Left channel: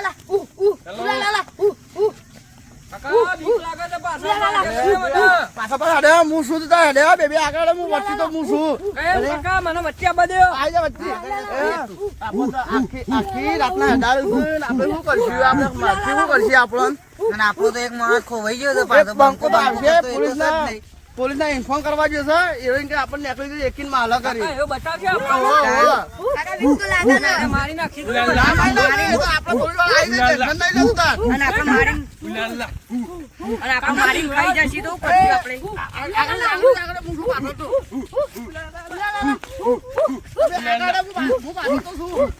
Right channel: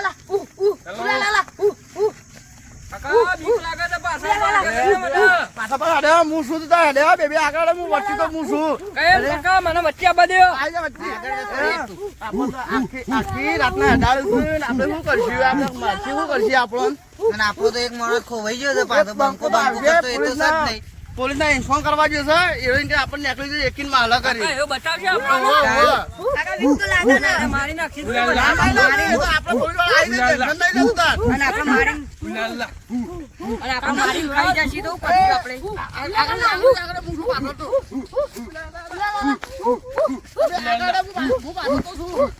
લા લા ઉ ઉ ચલો. લા લા લા ઉ ઉ કાકા બીક લાગે છે પાછા મારે છે મને. પાછા પાછા હેડે હું શું તા હેડે બેબી આગળ હું વચ્ચે તો હું કાકા મને વચ્ચે. આઈ જા વચ્ચે. આપણે તો આખી આખી રાતના છું. આપણે શું કરશું? આપણે મારથી શું કરશું આપણને? આપણો તો એક માણસ ખોવાઈ ગયો છે પાછો બંકો બંકો કરતો એ તો નહીં. પોલીસના ઇન્ફોર્મ કરવા ગયો છે એવી રીતે આપણને નીકળી જઈએ એકીનમાં હલા કરી બતાવશે આપણને. મારી નાખી દો. તો આપણે અને આપણે મારી અને આપણે મારી ખાઈ જશે તો પછી આપણે આગળ, આગળ, આગળ, આગળ, હું તો. આગળ, હું પા- તો છું.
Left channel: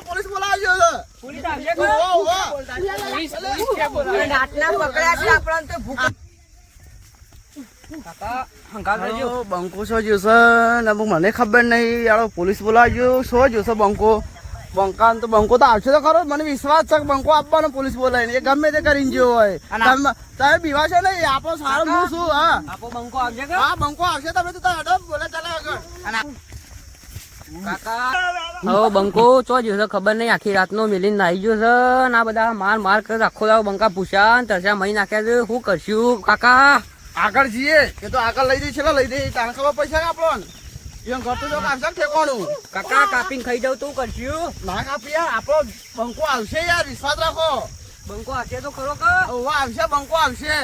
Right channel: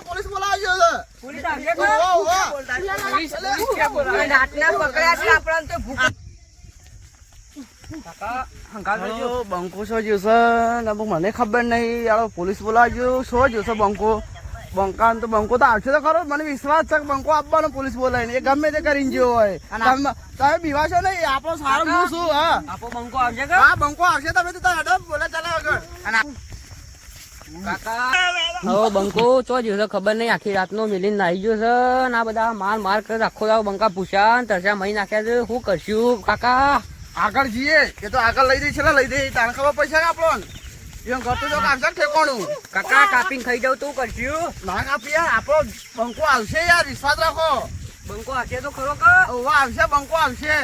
પોલીસ બોલાવ્યો પોલીસ આપણને તો ભૂખ બંકો શો જોશે? ને, મને ખબર નહીં. યાર પોલીસ બોલાવજો. શો જોશે, બંકો? બંકા તો બંકો તો આવશે તો ખરો મને વિશ્વાસ છે કે બંકો આપવાનો પોલીસ બોલાવીને. એ ગમે તે કરીને જેવો હોય. તમે તમે બીવાશો નહીં આપણો સારો હું શું હા. આપો બંકો આવશે કે? હા બંકો આવશે તમે તો હેડો બોલે ચાલે આગળ. હવે બંકો ચો જ્યો છે ખબર નહીં આખી રાતનો મિલીને નાહી ગયો છે ને આ બધા માર માર કરે આખો દાવ બંકા પૂછ્યા ને તરસ્યા મહી નાખ્યા છે શું કરશું કાકા? આગળ જઈએ એ તો આગળ લઈ દઈ છે લઈ દઈ તાણ ખબર પડશે કે આપણો એમ ઘર તો જો કાપશે ને ઠેકોણું કાકા કાપીને ખાઈ જાવ તો શું કરશું ના કાપી યાર આપણો બંકો આવશે યાર વિશ્વાસ રાખો બંકો હશે તો ખરો કે ઓવા આવશે બંકો આવશે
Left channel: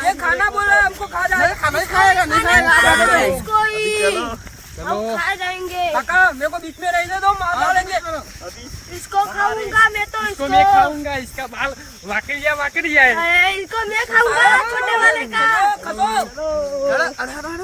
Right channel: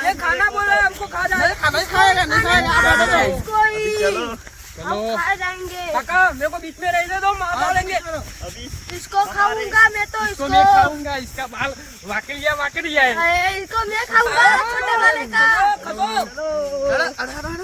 ये खाना बोल रहा है हमको खा जाए नहीं खाना ही खाएगा नहीं खाएगा कोई चलो हम खा जाएंगे काका मेरे को बीच में रहने दो मार डालेंगे इसको खाऊंगा मैं तो इसको इसको मैं खाऊंगा इसका बाल वाकड़िया वाकड़िया है अरे, इसको मैं खाऊंगा छोटे वाले का खबो अरे अरे अरे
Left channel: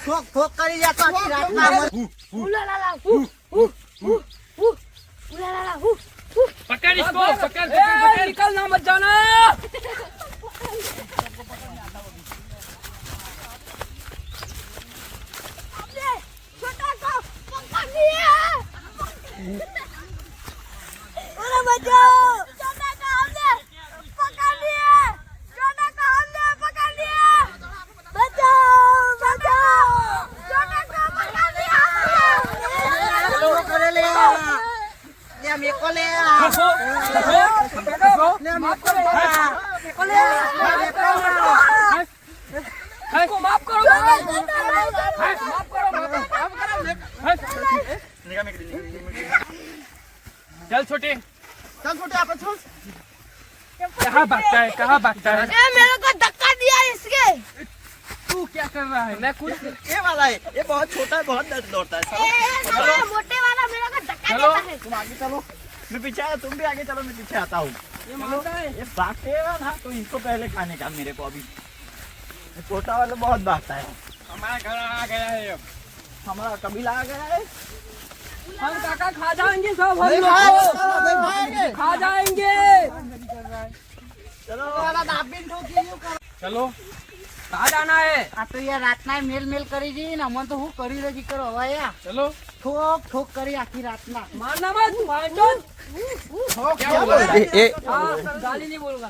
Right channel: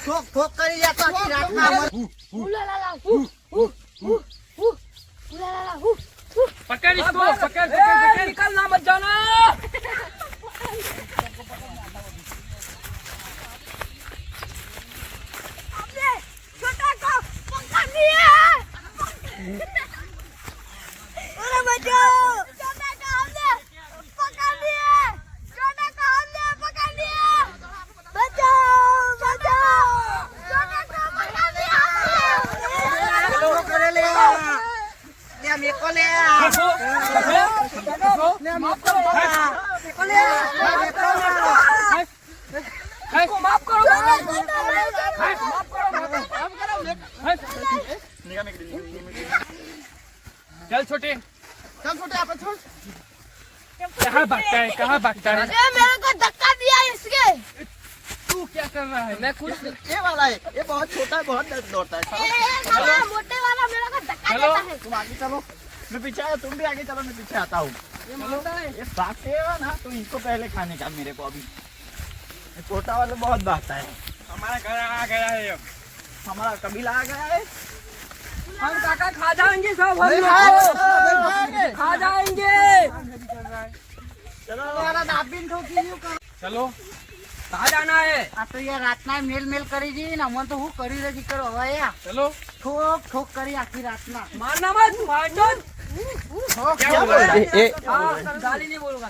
ઠોક ઠોક કરી જતો પકડ પકડ પકડ પકડ નિકલ ના બચાના इसको माफ करो माफ चल छोटे चल छोटे आप छोड़ कहाँ भागता है कहाँ भागता है ए, मेरे को धक्का दिया इसके तू क्या कर रहा है मैं कुछ ये वाला है ये बहुत छोटा है बहुत दौड़ता है ए, साला मोटे वाला मेरे को धक्का चलो। देता है तुम आगे चलो मैं पीछे आया तुम भी आगे चलो मैं पीछे आता हूँ ये मारता है ये भागते हैं ना तो इसको पहले खाने का मेरे को अभी ये छोटा वाला बहुत भागता है हमारा घर आ गया है अब हमारा कबीला आ गया है हम काका खा जाएंगे सब हम नहीं लोग खाएंगे, नहीं खाएंगे। खा जाएंगे चलो कहाँ जाना है આ તો યાર રાતના મેલ મેલ કરી જઈએ ને અમને તો હું કર્યું નથી કરો હવે યાર चलो ઠોક ઠોક કરી આખી રાતના मारना मत मार दो क्या बोल रहा है हाँ, गाली नहीं बोलूंगा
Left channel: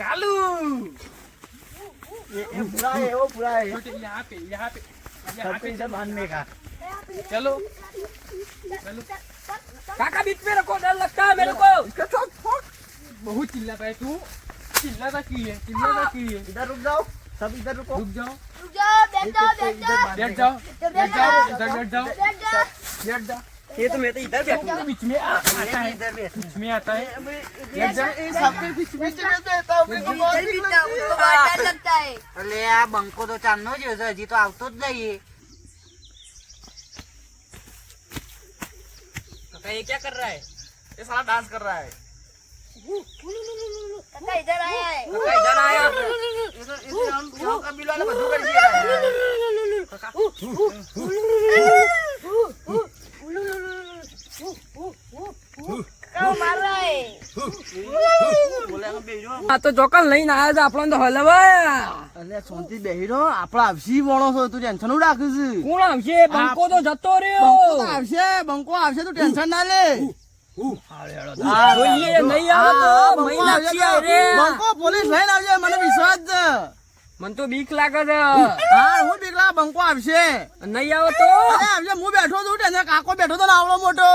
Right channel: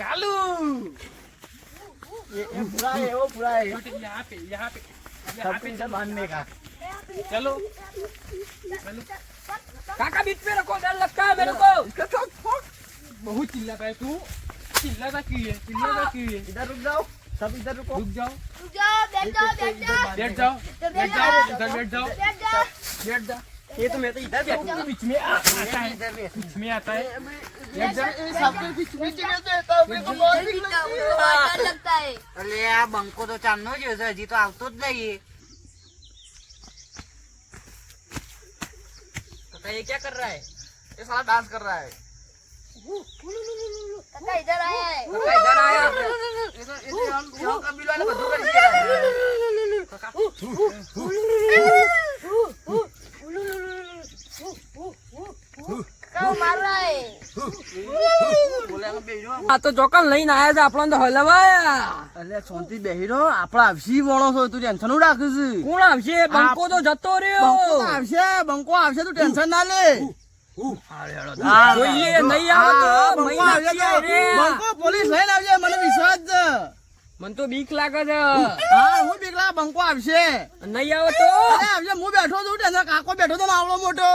कालू। ये- ये पूरा है वो पूरा है। यहाँ पे यहाँ पे यहाँ पे इधर बांधने का। चलो। काका बीच में रखो डर लगता है मेरे को। इसका ठोक ठोक बहुत चिल्लाता है तू। चिल्लाता की है चिल्लाता की है। इधर रुक जाओ सब इधर रुको। रुक जाओ। बैठ जाओ बैठ जाओ। बैठ जाओ बैठ जाओ बैठ जाओ। बैठ जाओ। बैठ जा। ये तो मैं तो इधर बैठूंगा बीच में आ- आता है बीच में आता है बैठ जा सबके बीच बीच में देता हूँ मेरे को बहुत भीख लगती है डर लगता है એટલે આ બંકો તો ચાંદનો જ છે હજી તો આવતો જ નહીં काका ये क्या कर रहा है ये साला डांस कर रहा है काका इधर आया है काका इधर आया ये तो ये तो हम यहाँ का बिल वाला बंदूक कर दिया है આ તો ચોકલ લઈને આયા છે આપણને તો હલવાય એટલે શાંતિ બેહી રહો આપડે આવશી વણો છો તું ટેન્શન હું રાખું છું? કોણ આવશે? બંકો તો જતો બંકો રહ્યો આવશે બંકો આવશે તું ટેન્શન ના લે. જોઈએ નહીં આવે તો બંકો. બંકો પોલીસ લઈને આવશે મને વિશ્વાસ છે. મને તો બીક લાગે છે. હા હું બીકલા બંકો આવશે. નહીં આવે તો? આવશે હું બેઠો છું ટેન્શન કાકો બેઠો તો ને આવડો મોટો.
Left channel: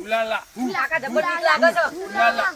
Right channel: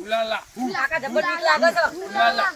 ઉલાલા. ઉલાલા. ઉલાલા.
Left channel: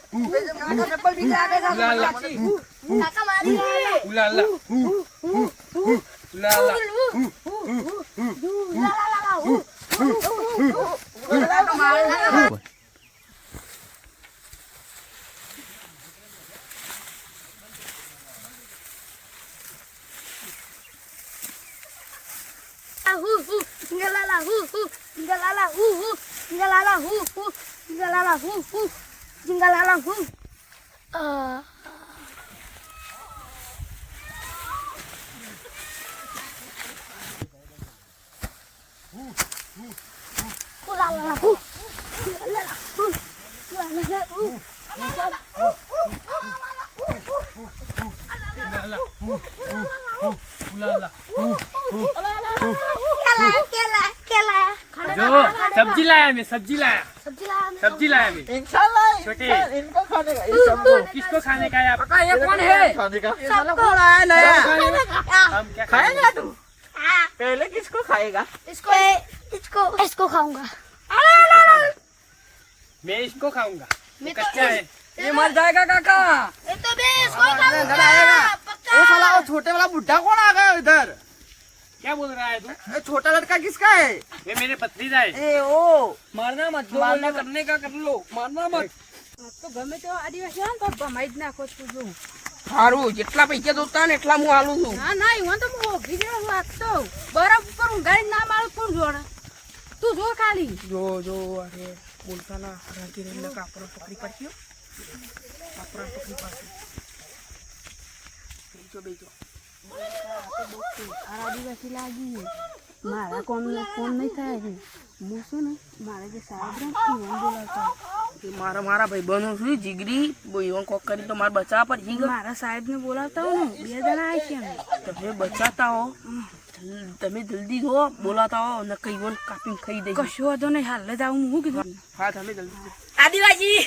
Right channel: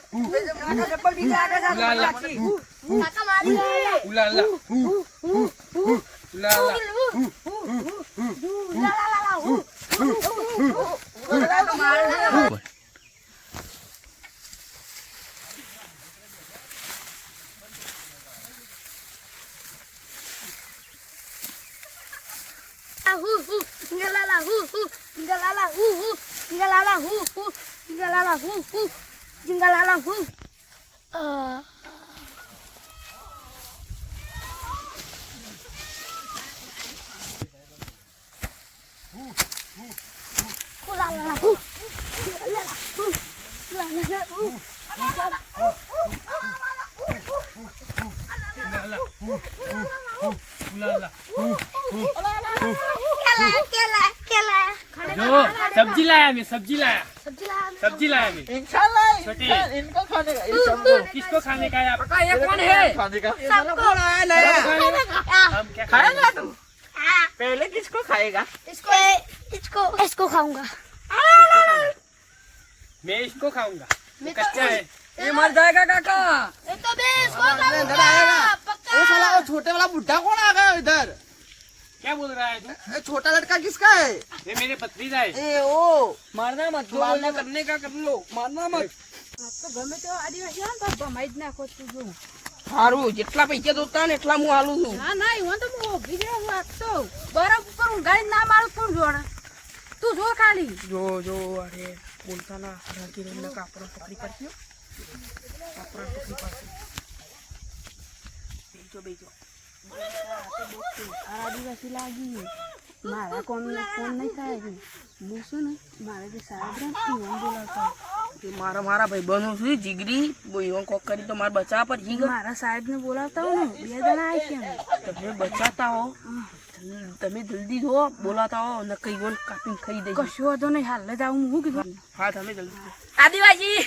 लाया मैं सब्ज़ी लाया सब्ज़ी लाया मैं इंसान लाया इनको खाने का सबको। किसको खाने का है आपका ये कौन है? खाने का। सबको लाया लाया खाएगा। तू? पहले किसको खाएगा? इसको इसको इसको खाऊँगा। मैं इसको खाऊँगा। तो कच्चा है। ये मर जाएगा काका। ये तो भी इसको खाऊँगा आएगा। वो साला वो छोटे वाला बुड्ढा कौन आ गया इधर? क्या बोल रहा है तू ये छोटा लड़का किसका है ये मेरे पत्नीजा है ए ओ મારના મત જો મારના બોલના કરને કા કર લો મારના મત તો ગમે તો આદિવાસી આવે ને તો ભમાઈ જ નાખો છું જો સારું જેટલા પૈસા જોતા ને એટલા હું આલું છું ના ના એવું તો હું ઊભી જ વાત તો બરફ ઉપર ઊંઘાડી ના મારું તું જોડે તું જો ખાલી જો જો અરે બોલતા ના રાતી રહીને કાપડ પકડી પાડ્યો કાપડ પકડી પાડશે બેજો બેજો આદિવાસી લાગી મારા કોમને ફોન નહીં થાય હું શું ને મારે જે સાહેબ રહ્યા ને બોલાવતા મારા મારા ભાઈ બનો છું જીગરી બોઈવન કોક કરી તો મારા બચાવ પર જીગ મારા સાહેબને બોલાવતા હો ને બે જણા આવી છે. તમે બચાતા હો. તમે જલ્દી જો બોલાતા હો ને કઈ બોલ કાપીને ખાઈ દઈ કશો વાંધો નહીં હાલ જ આવું હું કીધું? હા તમે જલ્દી. આદિવાસી!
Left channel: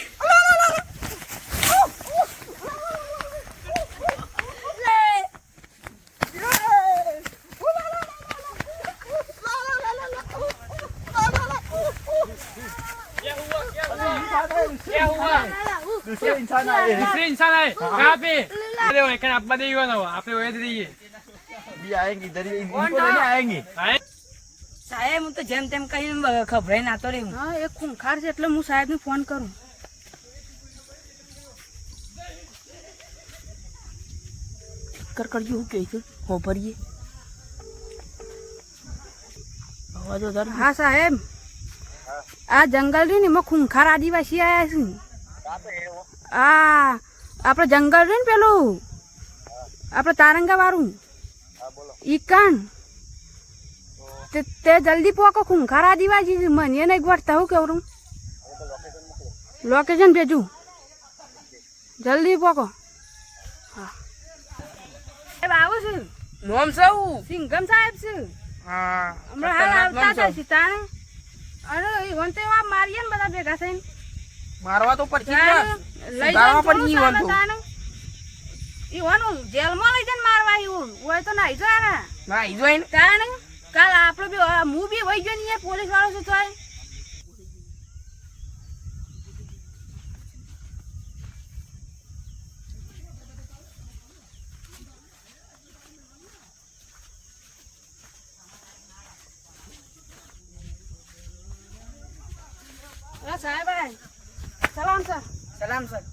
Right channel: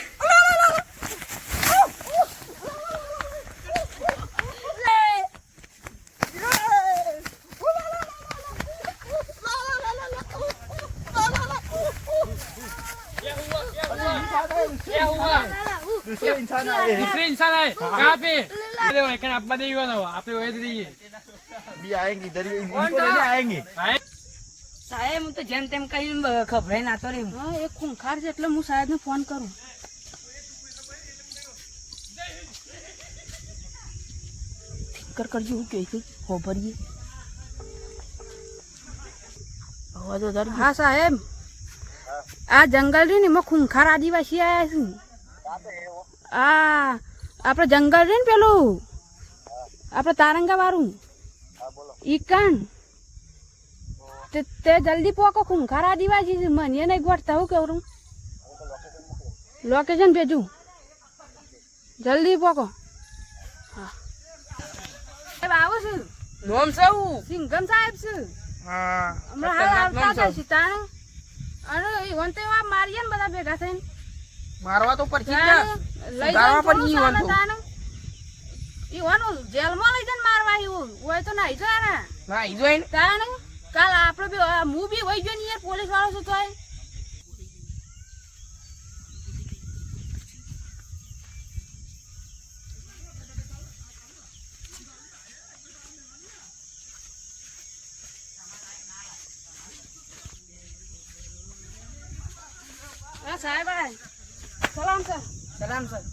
दूसरे इंसान आए हैं दूसरे इंसान आए कहाँ पे अरे वो एक अब्बा देगा ना वो आप लोग वही दीजिए अभी आएंगे इधर ही इनको लेने आएंगे आए સાહેબ હું તો જેમ તેમ કઈ ખભરાઈ નાતો રે હા એ ખૂંખાર છે એટલે હું સાહેબને ફોન કરું કર કરજો હું કહે છે હો ભરીએ અવાજ વધારે હા સાહેબ આ જંગલ રહ્યું ને એમાં ખૂંખાર આદિવાસી આવ્યા છે આ આપણે જંગલ રહ્યું ને પેલું? આપણે તારંગા વાળું ઈકાન તે જલ્દી પોકો ખૂંખાર આદિવાસી છે. મને નહીં ગોઠતા હું કેવું લોકેશન ભેજું. જલ્દી પોકો. હા. સાહેબ આવો છે. નોમ સૌ. સિંગમ સાહેબ છે. હા હમણાં આવતા છે સીતાને. અને ઈવન તો એવા મારીએ ને બધા ભેગા થઈને મારવા તો ને. સુધારવા તો. તાણે. જેલમાં લઈ જઈને મારવા એવું હોય તો નાઈ જાય ને ઈ કાલ આપણો બી હું બી વહી ગયો ને યાર પોલીસ વાળો છું તોય હા, સાહેબ આય. સલામ સર સલામ સર.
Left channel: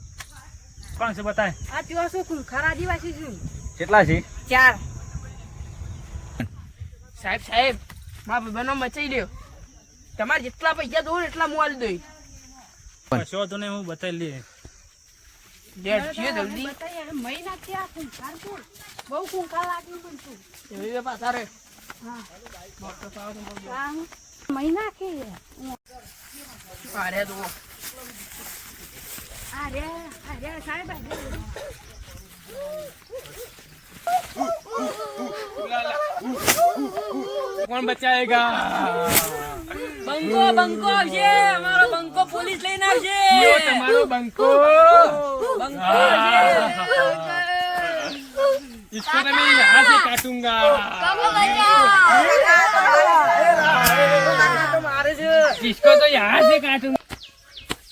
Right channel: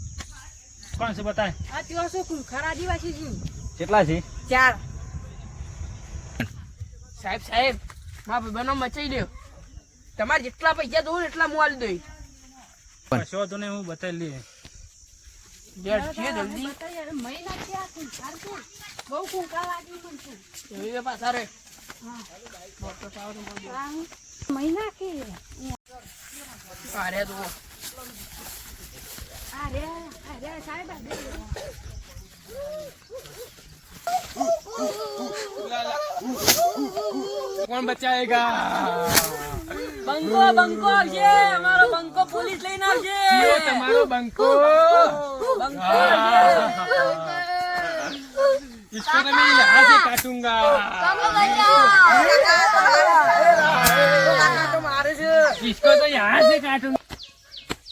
કોણ છે બતાય? આ ત્યાં શું ખરા આદિવાસી છું. કેટલા છે? ચાર. સાહેબ સાહેબ મારા ભાઈબંધો મચાઈ દો તમારે જેટલા પૈસા દઉં એટલા હું આલી દઈ કશો તો નહીં હું બતાવી લઈએ. ડેડ જલ્દી. મહિના છે આ છે બહુ ખૂંખાર લાગી મને છું એવી પાછા રે આ મહિના કે અરે તો અરે અરે સાહેબ અરે. કોણ બચાવેગા બંકો બંકો છે અમારો બંકો પોલીસ લઈને આવશે યો તમારો બંકો બંકો इसको तो मैं यहाँ से काटूंगा તો મારે છે इसको तो यहाँ से काटूंगा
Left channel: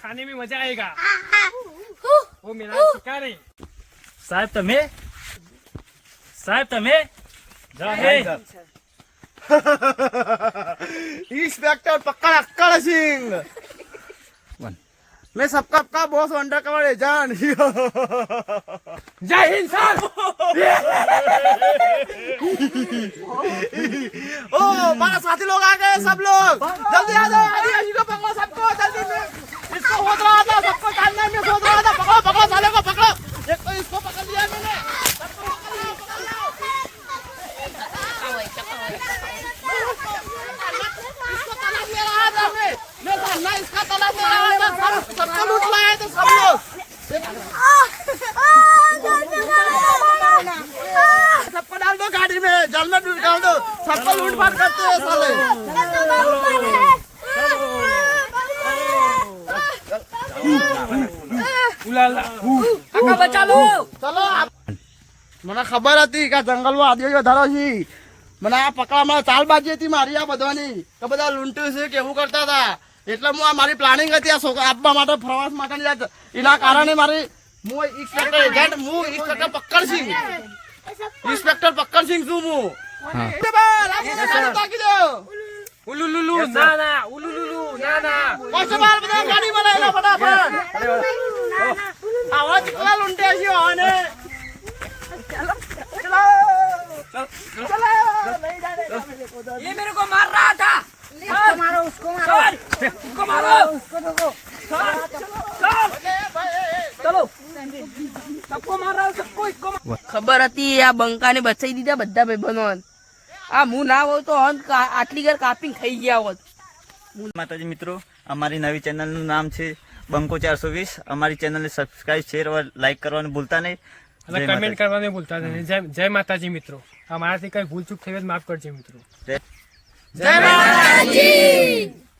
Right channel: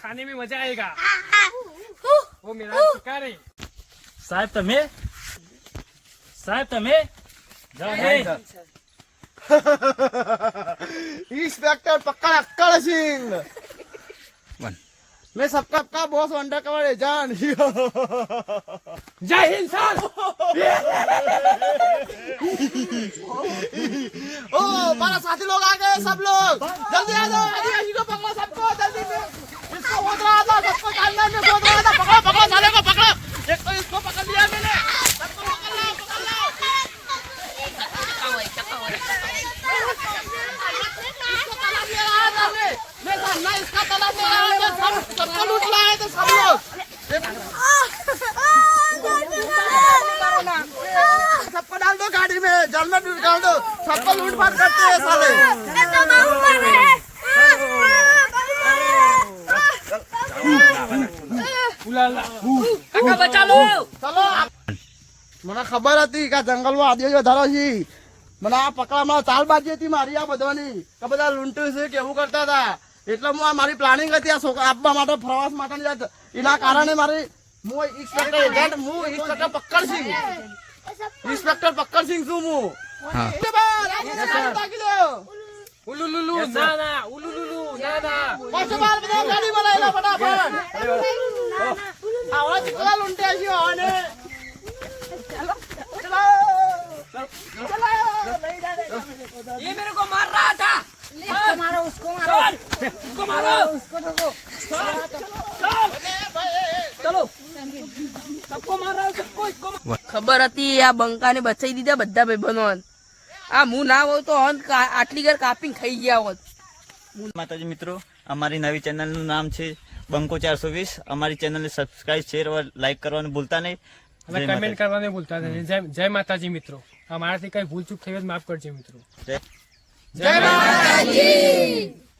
खाने में मजा आएगा वो मेरा शिकार है साहब તમે સાહેબ તમે इंस्पेक्टर पकड़ अक्कड़ सिंह मैं सबका आपका बॉस अंडर कवर एजेंट જય હિન્દ સર ओ हमारा साथी लोग आ गए सब लोग जल्दी आ जाओ आदिवासी को पकड़ो सबको जल्दी में इसको सोच रहा था सबको जानना में सोच रहा था पकड़ो पकड़ो साले को पकड़ो एक तो इसको पकड़ लिया मैंने सबको पकड़ लो पकड़ लो इसको पकड़ लिया रहा था मैं मैं सामने इसका पकड़ लिया रहा था सब सबको लूट लाए थे सब लोग सबको डाल दो गाड़ी में जल में डाल दो सबको लूट पाट करते हैं साले મને ખબર હતી કે જંગલમાં આદિવાસી વધારો છે. મને આ પકડવામાં ચાલબાજી હતી મારી આ બધાની. કે બધા લૂંટ્યું છે કેવું કરતા હતા. એટલે હું આ મારી પ્લાનિંગ હતી આ છોકરા આપવા માટે પ્રવાસ માટે એના કારણે મારી હું ઇન્સ્પેક્ટર એજન્ટ હું ઇન્સ્પેક્ટર પક્કડસિંહ ઇન્સ્પેક્ટર પક્કડસિંહ છું હું. ઉલુલુલુ ના ના ઉલુલુલુ ના ના કોન્સ્ટેબલ બધા ગાડી બનાવેલા ફટાફટ આવા ચીકલા લૂંટ્યા છે આને ચલો ચલો ये मेरे को मार रहा था मारो उसको मारो उसको मारो चलो सबको मार रहा हूँ सबको इसको मार- ખબર હતી આ બંકાને બચાઈ દીધા બધા ભાઈબંધો આ હું ના હોય તો અંત આટલી ઘર કાપીને ખાઈ ગયા હોત. માતાજી મિત્રો અમારી નવી ચેનલનું નામ છે બંકો ચારસો વીસ. અમારી ચેનલને સબસ્ક્રાઇબ શેર और લાઈક કરવાનું ભૂલતા નહીં. અને કમેન્ટ કરવાનું ભૂલતા નહીં. જય જય માતાજી મિત્રો. અમારાથી કઈ ભૂલ ચૂક થઈ હોય માફ કરજો મિત્રો. જય જય માતાજી!